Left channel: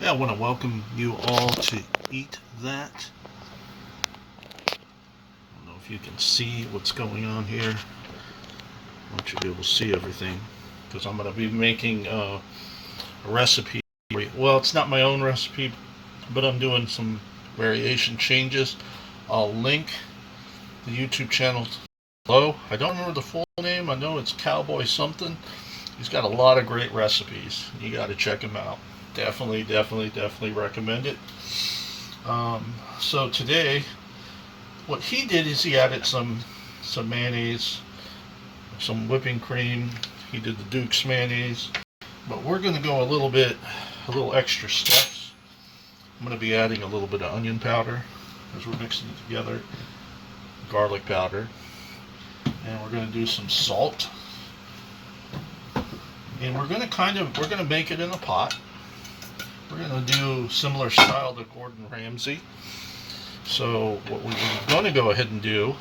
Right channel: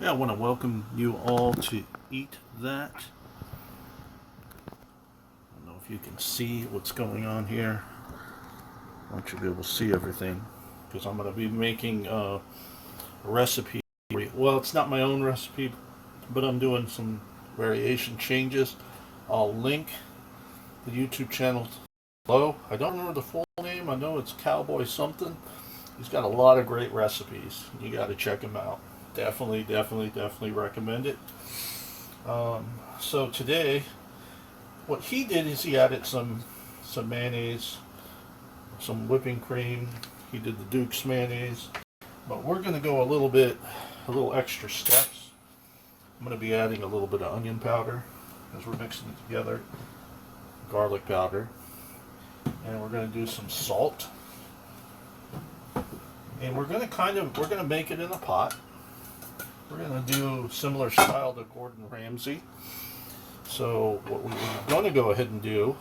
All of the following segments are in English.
Yeah, I want to welcome you all to Eat That. I don't know if you can see what's going on here. I want you to be able to see everything because I'm going to be making a recipe. Well, it's not my own recipe, but I'm doing some variation changes. I'll link the YouTube channel below. I don't remember the full name. I know it's Cowboy something. He's got a lot of great recipes. You got to check him out. Definitely recommend it. So today, what he did is he added some mayonnaise, some whipping cream. He did the Duke's mayonnaise, but we're going to go a little extra steps. I'm going to be adding a little bit of onion powder as we're mixing it together, garlic powder, and we're going to do some salt. And we're going to make it in a pot. We're going to do similar style to Gordon Ramsay. So what we're going to go ahead and do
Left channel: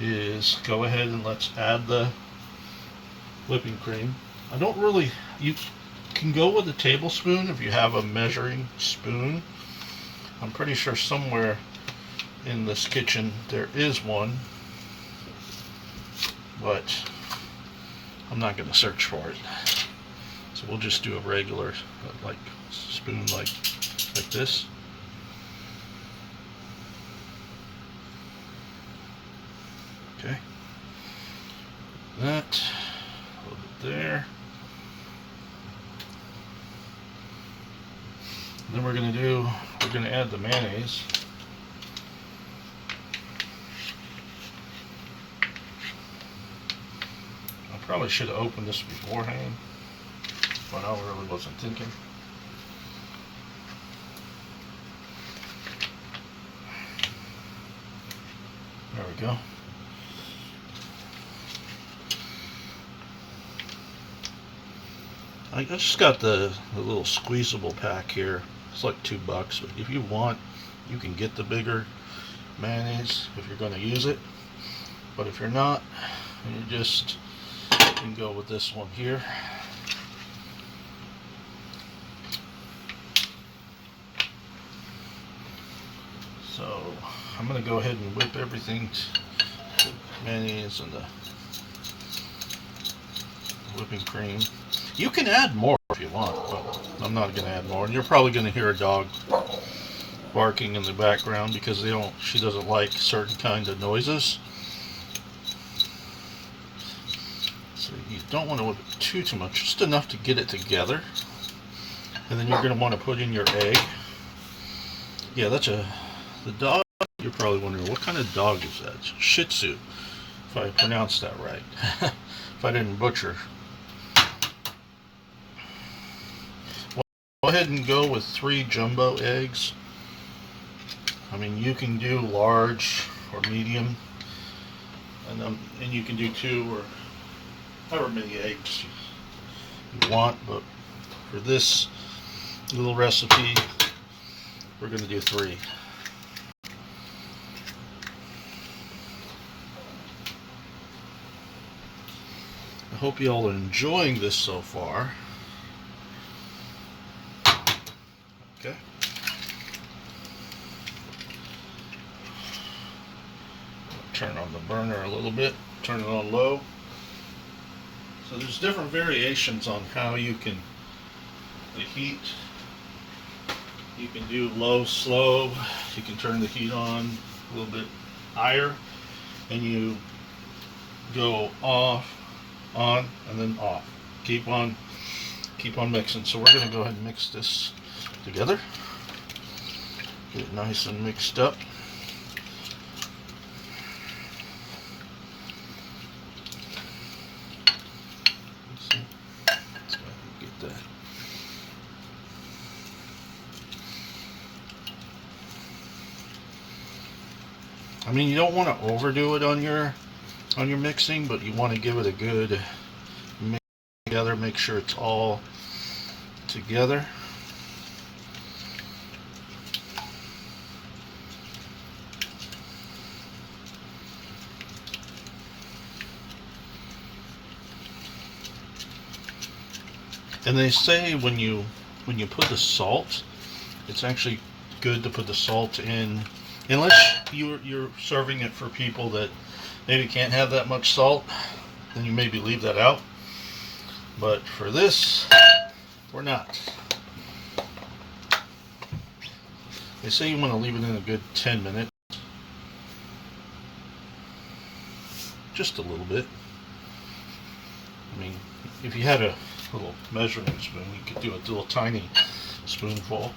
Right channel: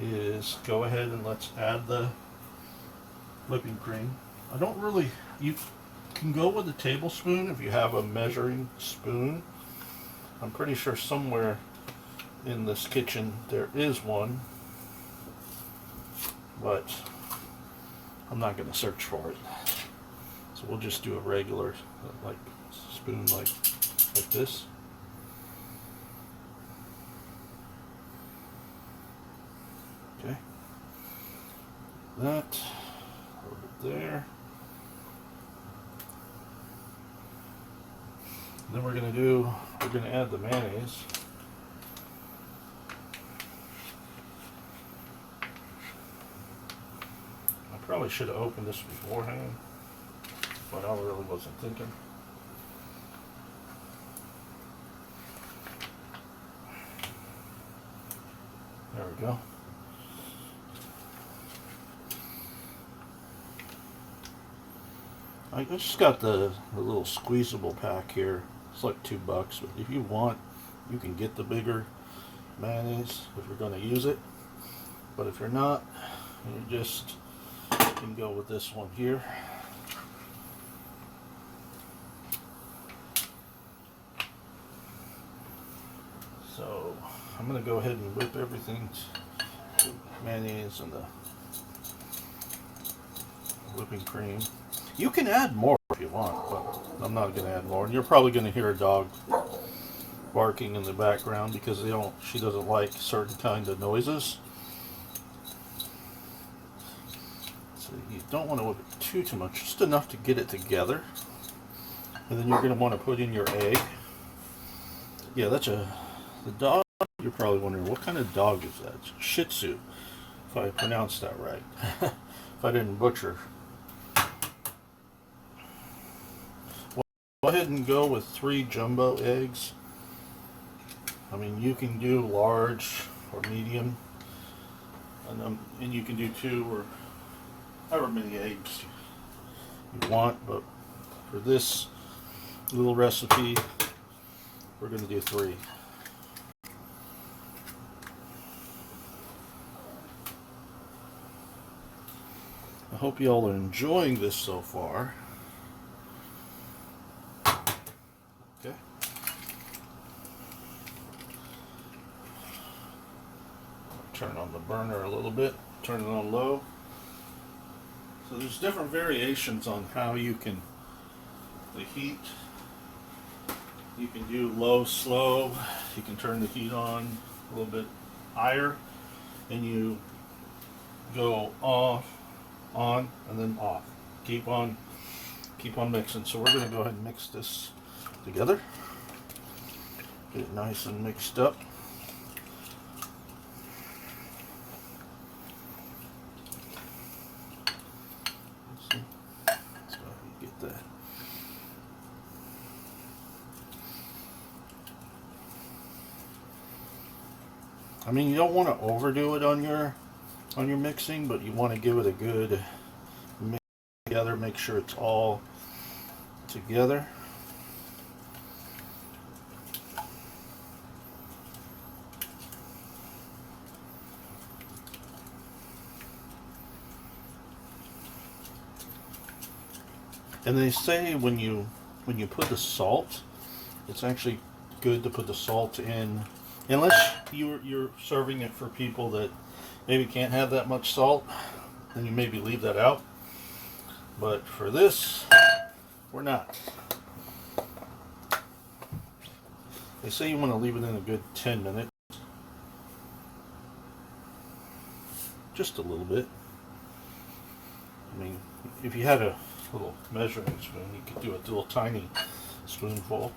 is go ahead and let's add the whipping cream. You can go with a tablespoon if you have a measuring spoon. I'm pretty sure somewhere in this kitchen there is one, but I'm not going to search for it. So we'll just do a regular like spoon like this. Okay. That a little bit there. And then we're going to add the mayonnaise. I probably should have opened this beforehand, but I really wasn't thinking. There we go. I just got the little squeezable pack here. It's like $2, but if you want, you can get the bigger mayonnaise if you're going to use it. But if you're not, you can go with this one here. So I'm going to go ahead and whip everything, the mayonnaise and the whipping cream. You can add more if you want, but I'm not going to add more. And you're probably going to hear a dog barking in the background because she doesn't like certain kind of noises. So you don't want to whip it too much, just enough to get it together. And then you're going to want to put in your egg. Yeah, the dog. You're probably wondering, what kind of dog is that? It's Shih Tzu, if I pronounced that right. If I didn't butcher. Go ahead and go with 3 jumbo eggs. I mean, you can do large or medium, and you can do 2 or however many eggs you want. But for this little recipe, we're going to do 3. I hope you all are enjoying this so far. Okay. Turn on the burner a little bit, turn it on low. So there's different variations on how you can the heat. You can do low, slow. You can turn the heat on a little bit higher, and you go off, on, and then off. Keep on mixing. So we're going to go ahead and mix this together. Get it nice and mixed up. Let's see. Let's go ahead and get that. I mean, you don't want to overdo it on your mixing, but you want to give it a good mix together. Make sure it's all together. And they say when you when you put the salt, it's actually good to put the salt in, unless you're serving it for people that maybe can't have that much salt, then you maybe leave that out. But for this, we're not. They say you want to leave it in a good 10 minutes. Just a little bit. I mean, if you had a little measuring spoon, you could do a little tiny spoonful.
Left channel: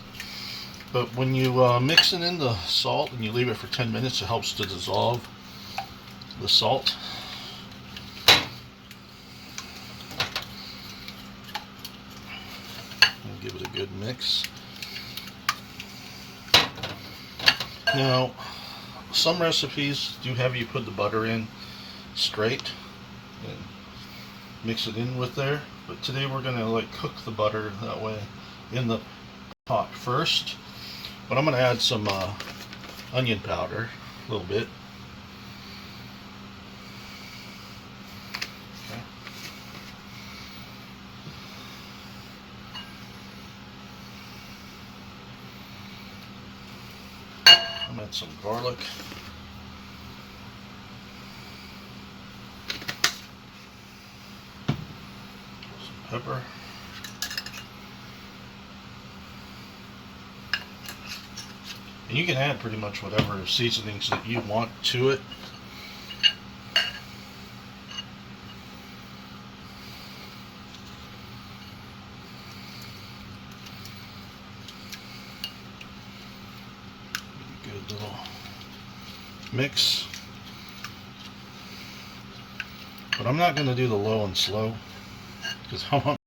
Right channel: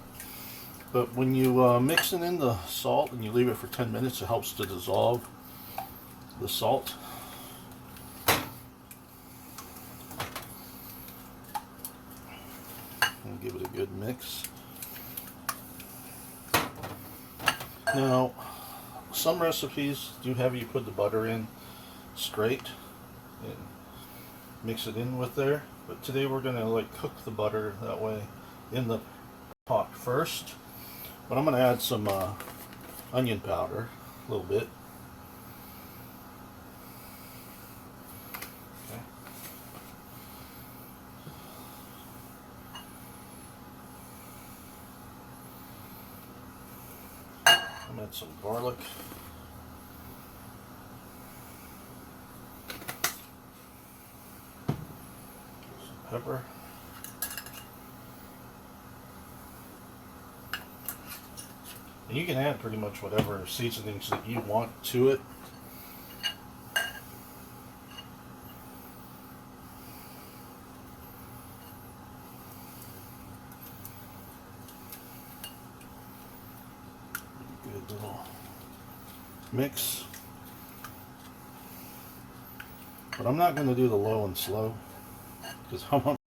But when you mix it in the salt and you leave it for 10 minutes, it helps to dissolve the salt. And give it a good mix. Now, some recipes do have you put the butter in straight and mix it in with there, but today we're gonna like cook the butter that way in the pot first. But I'm gonna add some onion powder, a little bit. I'm gonna add some garlic. Some pepper. And you can add pretty much whatever seasonings that you want to it. Good little mix. But I'm not going to do the low and slow because I'm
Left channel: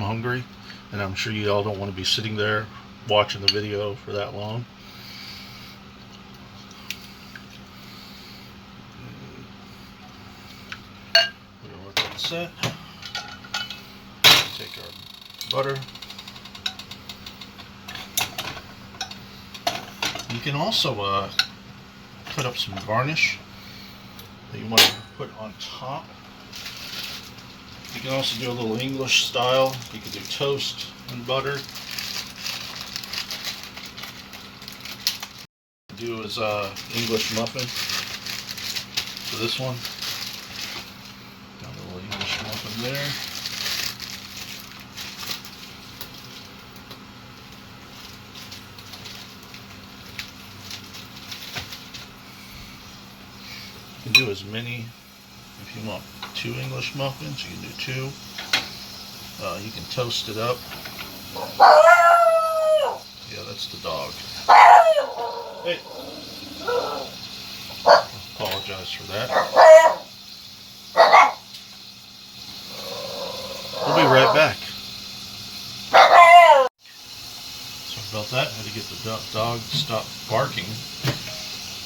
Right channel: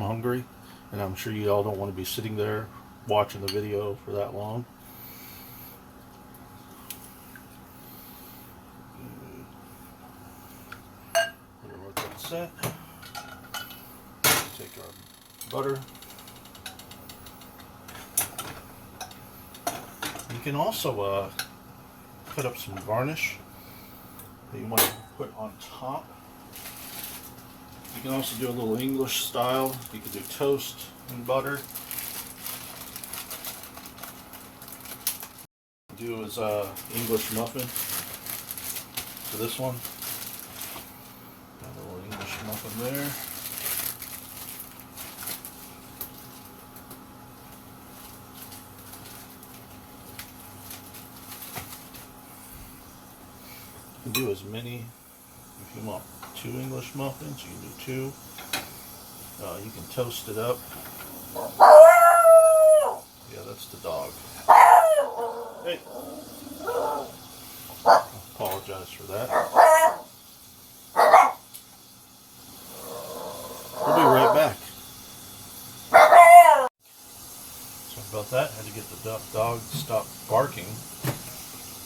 hungry, and I'm sure you all don't want to be sitting there watching the video for that long. We're going to let that set. Take our butter. You can also put up some garnish that you want to put on top. You can also do a little English style. You can do toast and butter. Do is English muffin for this one. Got a little English muffin there. You can do as many, if you want 2 English muffins, you can do 2. You can toast it up. Yeah, that's the dog. Hey. Apologize for that. We'll be right back. Sorry about that. I had to get the dog to stop barking.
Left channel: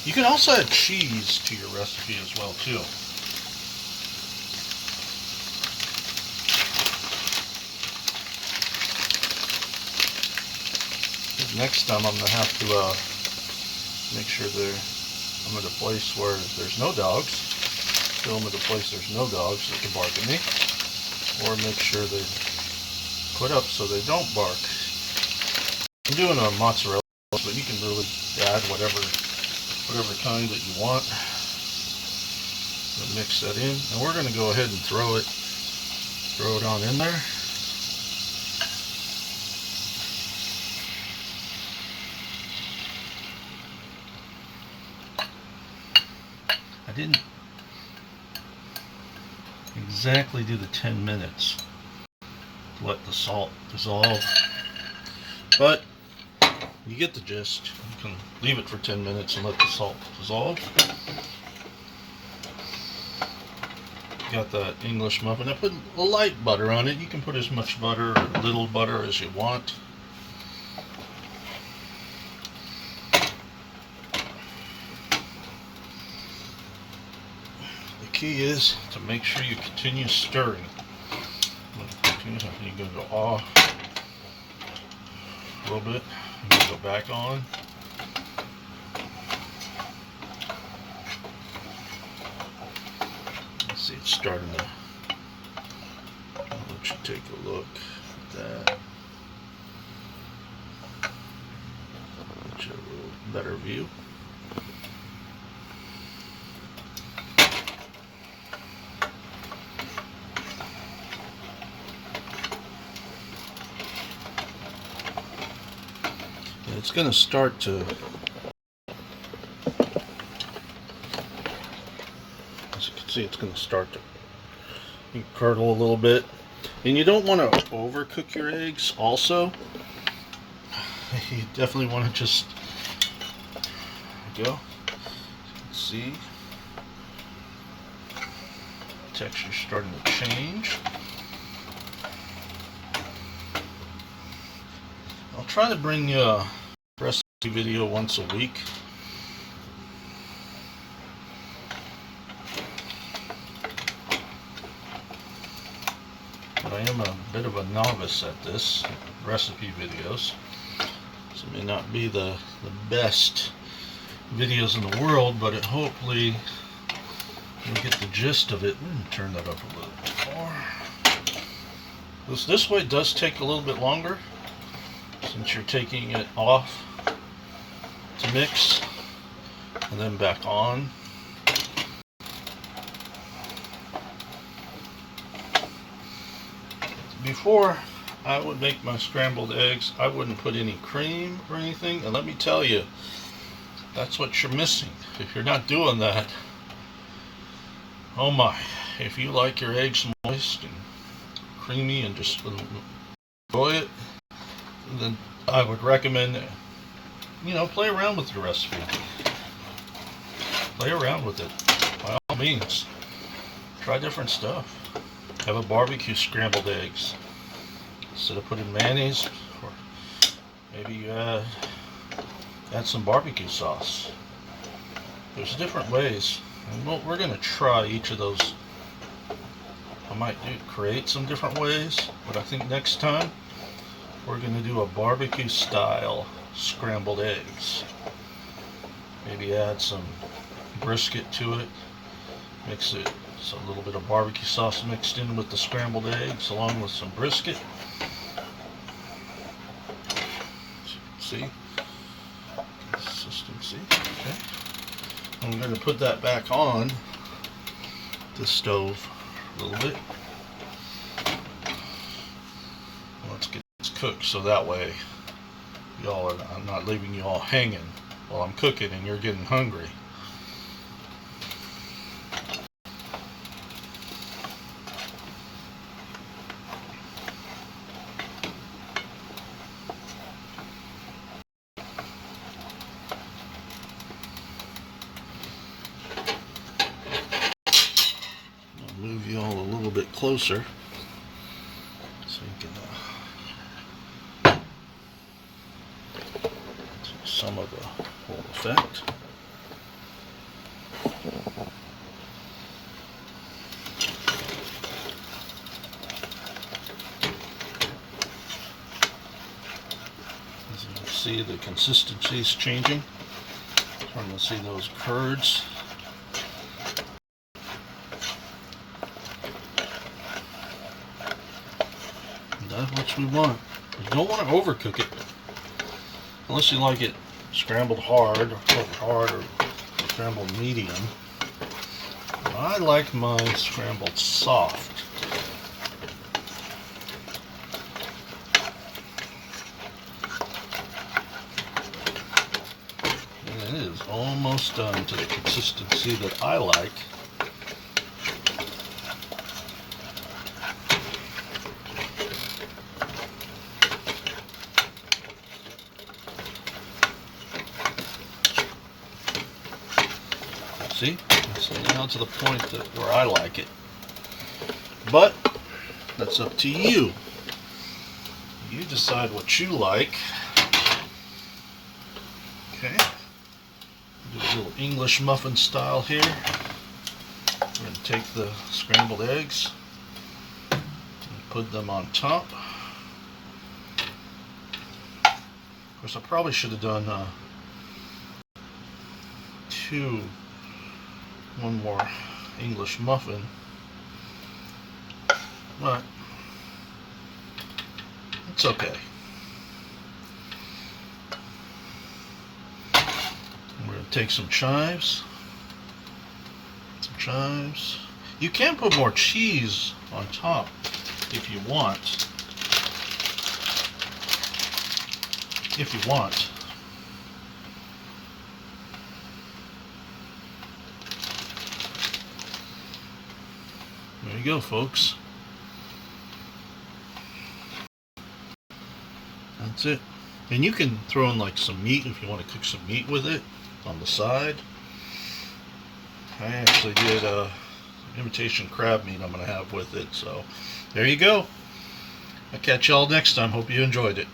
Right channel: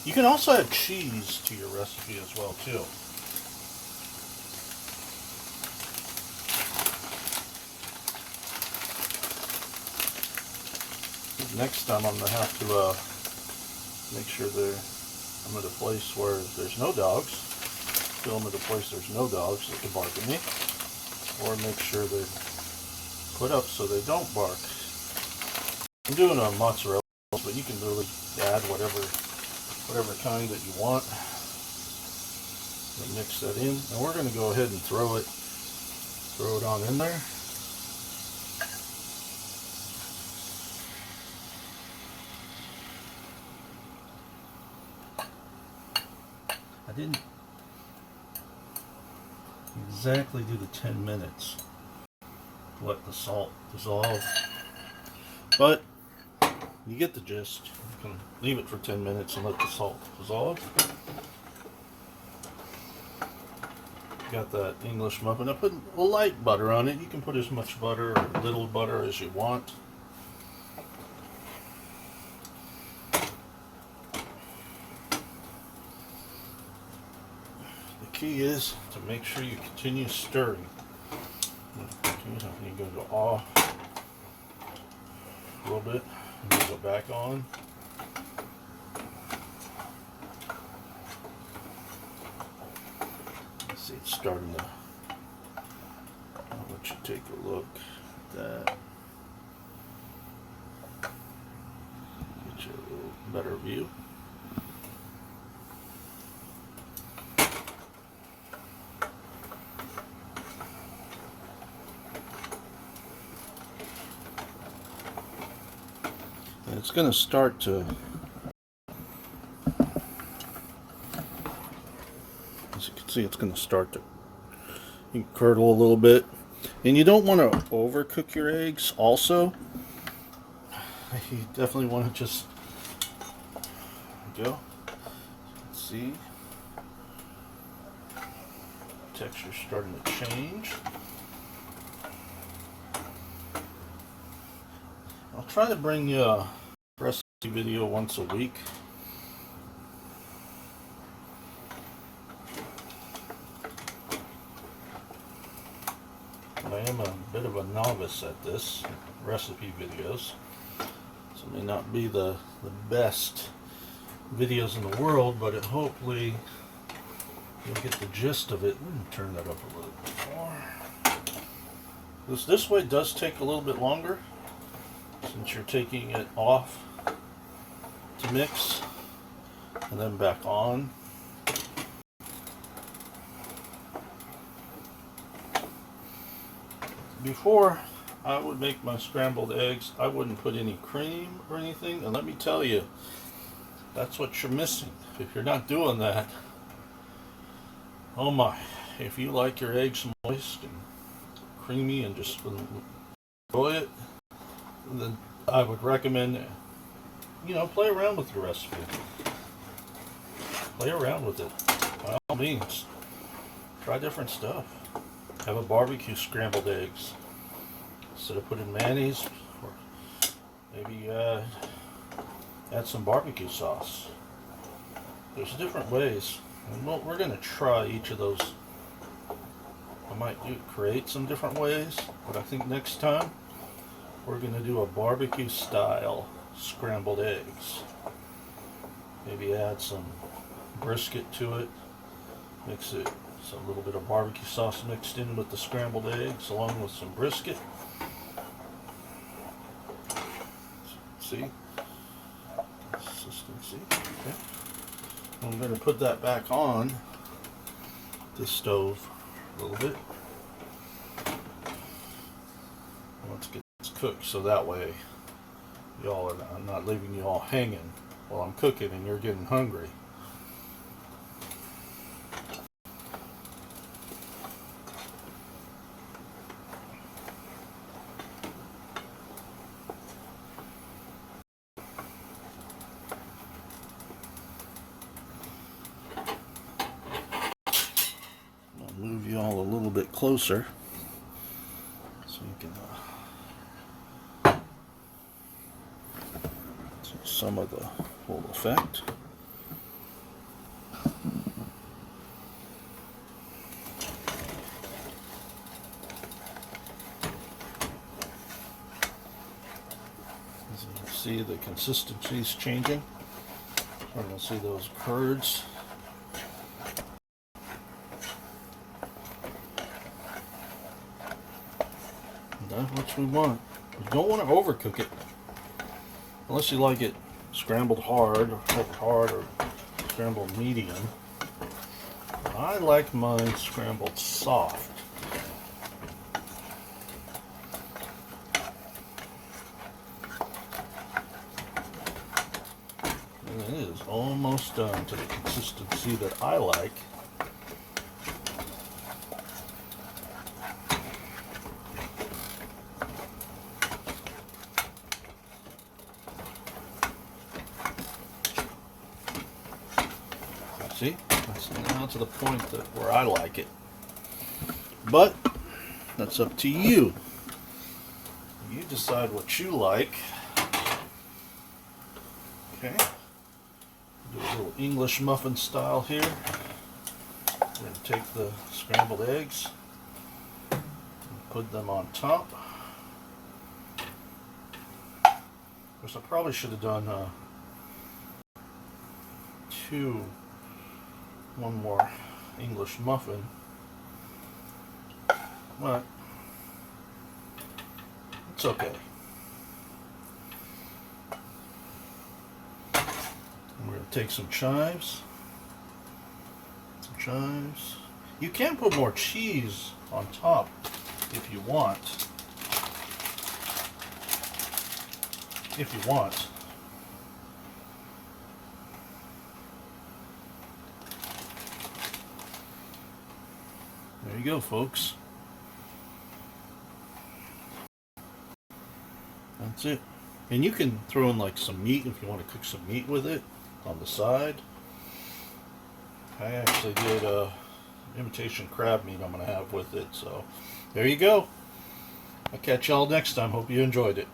You can also add cheese to your recipe as well, too. Next time I'm going to have to make sure I'm at a place where there's no dogs. Film at a place there's no dogs that can bark at me. Or make sure they're put up so they don't bark. I'm doing a mozzarella, but you can really add whatever kind that you want. Mix that in, and we're going to go ahead and throw it on in there. I didn't exactly do the 10 minutes to let the salt dissolve, but you get the gist. You can leave it for 10 minutes and let the salt dissolve. Got that English muffin. I put a light butter on it. You can put as much butter or little butter as you want. The key is to make sure you continue stirring. You're going to go off a little bit. You're going to go back on. Let's see, it's starting to. I'll let you take a look at that. better view. And it's going to start to, as you can see, it's going to start to curdle a little bit. And you don't want to overcook your eggs also. You definitely want to just, there we go. See, texture's starting to change. I'll try to bring you a recipe video once a week. But I am a bit of a novice at this, recipe videos. So it may not be the best videos in the world, but hopefully you'll get the gist of it. Turn that up a little bit more. This way does take a little bit longer, since you're taking it off to mix and then back on. Before I would make my scrambled eggs, I wouldn't put any cream or anything, and let me tell you, that's what you're missing if you're not doing that. Oh my, if you like your eggs moist and creamy and just enjoy it, then I would recommend, play around with your recipe. Play around with it, by all means. Try different stuff. Have a barbecue scrambled eggs. Instead of putting mayonnaise, or maybe you add some barbecue sauce. There's different ways, and we're going to try each of those. I might create some different ways, but I think next time we're going to do a barbecue style scrambled eggs. Maybe add some brisket to it, mix it, so a little bit of barbecue sauce mixed in with the scrambled eggs along with some brisket. See? Consistency. Okay. I'm going to put that back on the stove a little bit. Let's get this cooked so that way I'm not leaving you all hanging while I'm cooking and you're getting hungry. Move you all a little bit closer so you can see some of the whole effect. As you can see, the consistency is changing. Starting to see those curds. That's what we want. You don't want to overcook it unless you like it scrambled hard or scrambled medium. I like mine scrambled soft. And it is almost done to the consistency that I like. See? It's now to the point where I like it. But that's up to you. You decide what you like. Okay. Do a little English muffin style here. We're going to take the scrambled eggs and put them on top. Of course, I probably should have done one more English muffin, but it's okay. take some chives. You can put more cheese on top if you want. There you go, folks. That's it. And you can throw in like some meat if you want to cook some meat with it on the side. I actually did imitation crab meat I'm going to have with it. So there you go. I'll catch y'all next time. Hope you enjoyed it.